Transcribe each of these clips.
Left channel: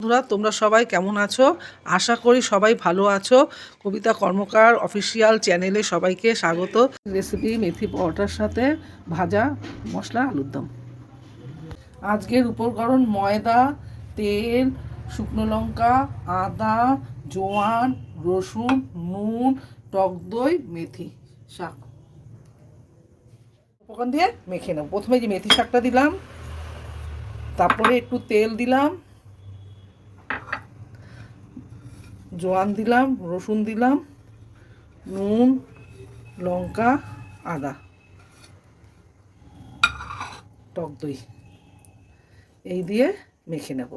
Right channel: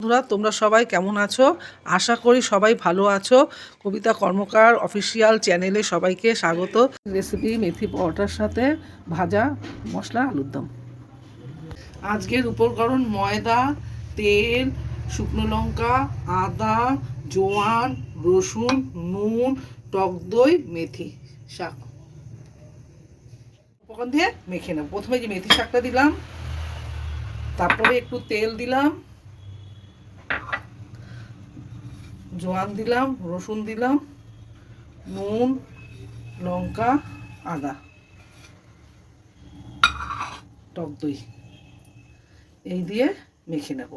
বন্ধুরা, তোমরা সবাই কেমন আছো? আশা করি সবাই ভালো আছো। কবিতা কর্মকার অফিসিয়াল চ্যানেলে সবাইকে স্বাগত। রেসিপি মেথি পরোটার সাথে ভাজা মশলা আলুর দম। আজকের উপকরণ ময়দা, তেল, শুকনো লঙ্কা, আদা, জোয়ান, রসুন, নুন, টক দই, মেথি শাক। উপকরণ দিয়ে মেখে নেব। প্রথমে যে মেথি শাকটা দিলাম, তারপরে একটু তেল দিলাম, জোয়ান দিলাম, রসুন দিলাম, নুন, লঙ্কা, আদা, টক দই, এই দিয়ে মেখে নেব।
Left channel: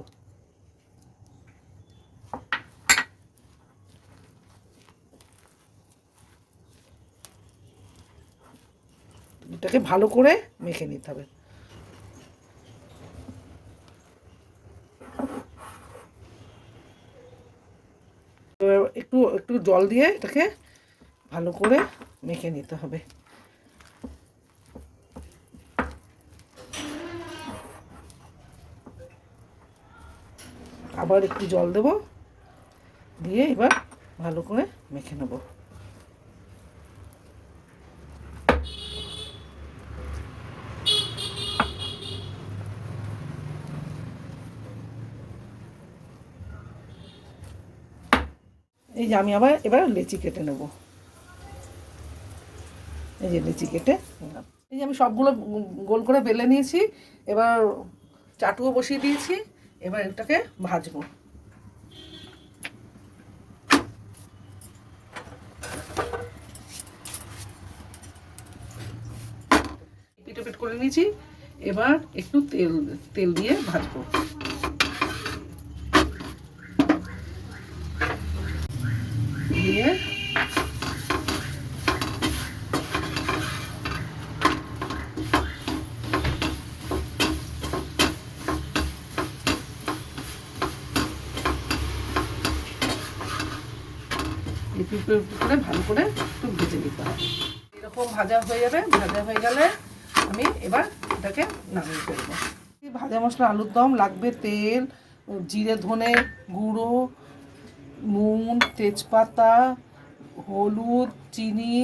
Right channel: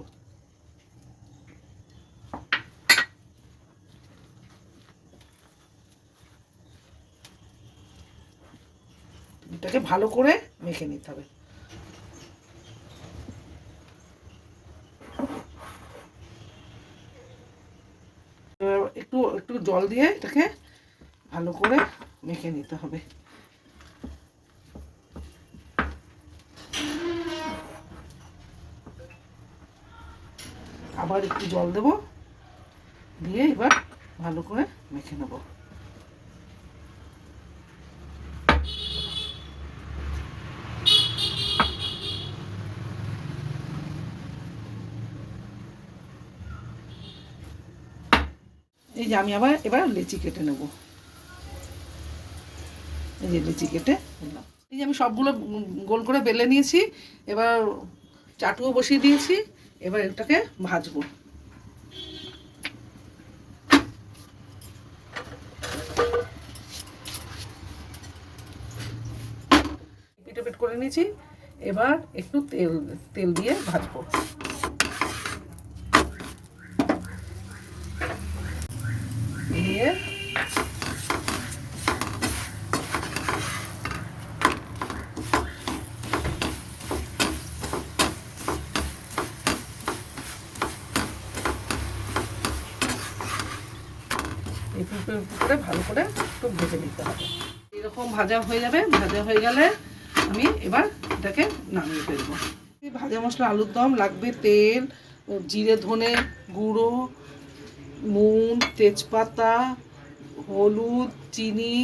এটাকে ভালো করে মেখে নিতে হবে। একটু একটু জল দিয়ে এটাকে ভালো করে মেখে নিতে হবে। আবার একটু জল দেব, দিয়ে এবার ভালো করে মেখে নেব। এই যে আমি এবার লেচি কেটে নেব। এই যে লেচি কেটে নিলাম। এই যে আমি সবগুলো গোল করে বেলে নিয়েছি। এবার চাটুও বসিয়ে দিয়েছি। এবার এটাকে ভাজবো। পিট করে নিয়েছি। এবার একটু তেল দিয়ে ভাজবো। দিয়ে একটু করে ভালো করে একটু ভেজে নিতে হবে। এরকম ভাজা হয়ে যাবে। ভাজা হয়ে গেলে আমি এবার এটাকে নামিয়ে ফেলবো। ভাজা মশলা আলুর দম লাগবে তেল, জিরে ধনে গুঁড়ো, নুন, তেজপাতা, হলুদ, চিনি,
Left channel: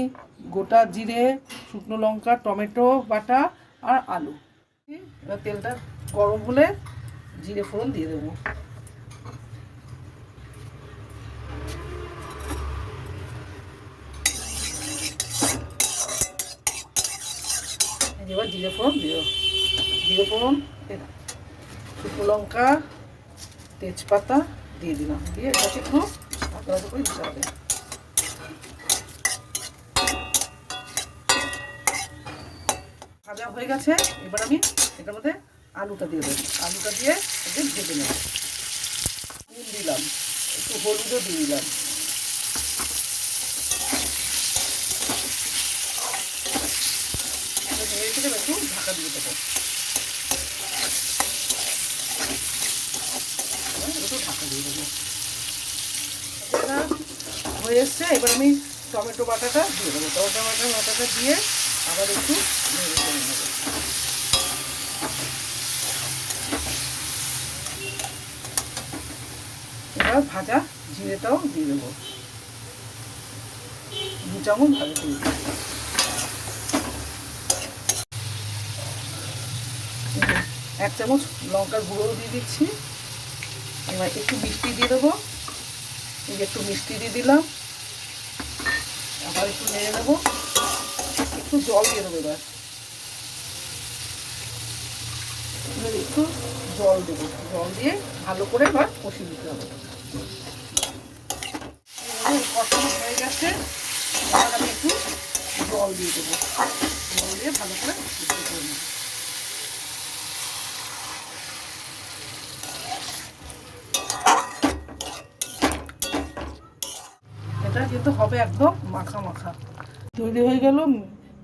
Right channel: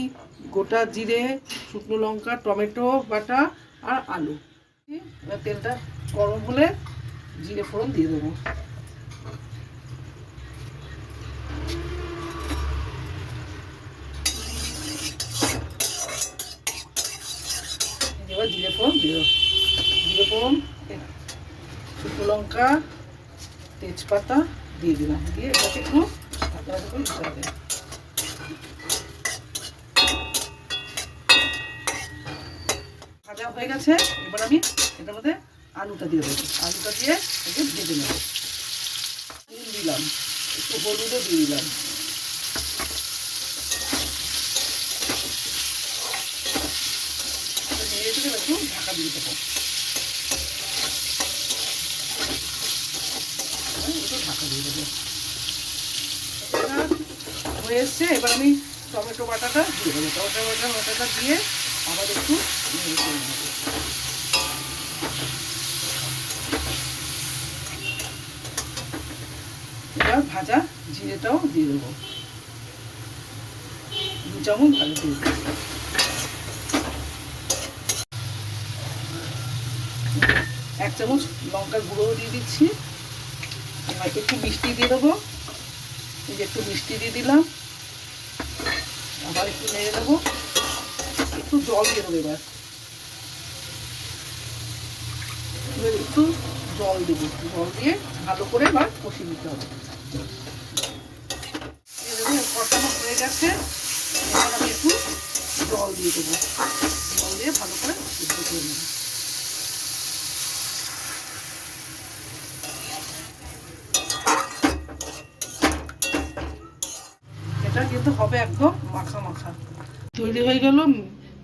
গোটা জিরে, শুকনো লঙ্কা, টমেটো বাটা আর আলু। এবার তেলটা গরম হলে জিরে ফোড়ন দিয়ে দেবো। এবার জিরে ফোড়ন দিয়ে জিরে ফোড়ন, শুকনো লঙ্কা, তেজপাতা দিয়ে দিলাম। দিয়ে এটাকে একটু আদা আদা করে দিতে হবে। ভাজা হয়ে গেছে। এবার আমি এটার মধ্যে আলুটা দিয়ে দেবো। আলুটা দিয়ে একটু ভেজে নেব। নুন দিলাম, একটু হলুদও দিয়ে দিলাম। একটু ঢাকা দিয়ে দেবো। একটু ঢাকা দিয়ে দেবো। এটা হয়ে এসছে। এবার আমি টমেটো বাটাটা দিয়ে দেবো। টমেটো বাটাটা দিয়ে আবার একটু নেড়ে করে নেবো। এবার ভাজা জিরেটাও দিয়ে দেবো। 2 চামচ ভালো দিয়ে দেবো। 1 চামচ লঙ্কার গুঁড়ো দিয়ে দিচ্ছি। একটু মিষ্টি দিয়ে দেবো। এই যে একটু মিষ্টি দিয়ে দিলাম। আবার একটু নেড়ে নেবো। একটু জল দিয়ে দেবো। এবার একটু জল দেবো। জল দিয়ে ভালো করে এবার কষিয়ে দিতে হবে। কষানো হয়ে গেছে। এবার আমি একটু জল দিয়ে দেবো। জল দিয়ে ভালো করে সিদ্ধ করে নেব। এটা কিন্তু হবে একদম মাখা মাখা। তৈরি হয়ে গেল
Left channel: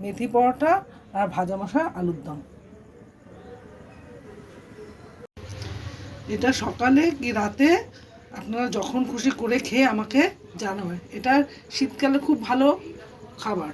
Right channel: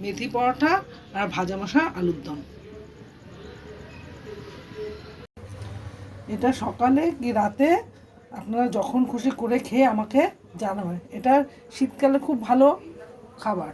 মেথি পরোটা আর ভাজা মশলা আলুর দম। এটা সকালে কি রাতে আপনারা যখন খুশি করে খেয়ে আমাকে জানাবেন। এটা শীতকালে খুব ভালো খাবার।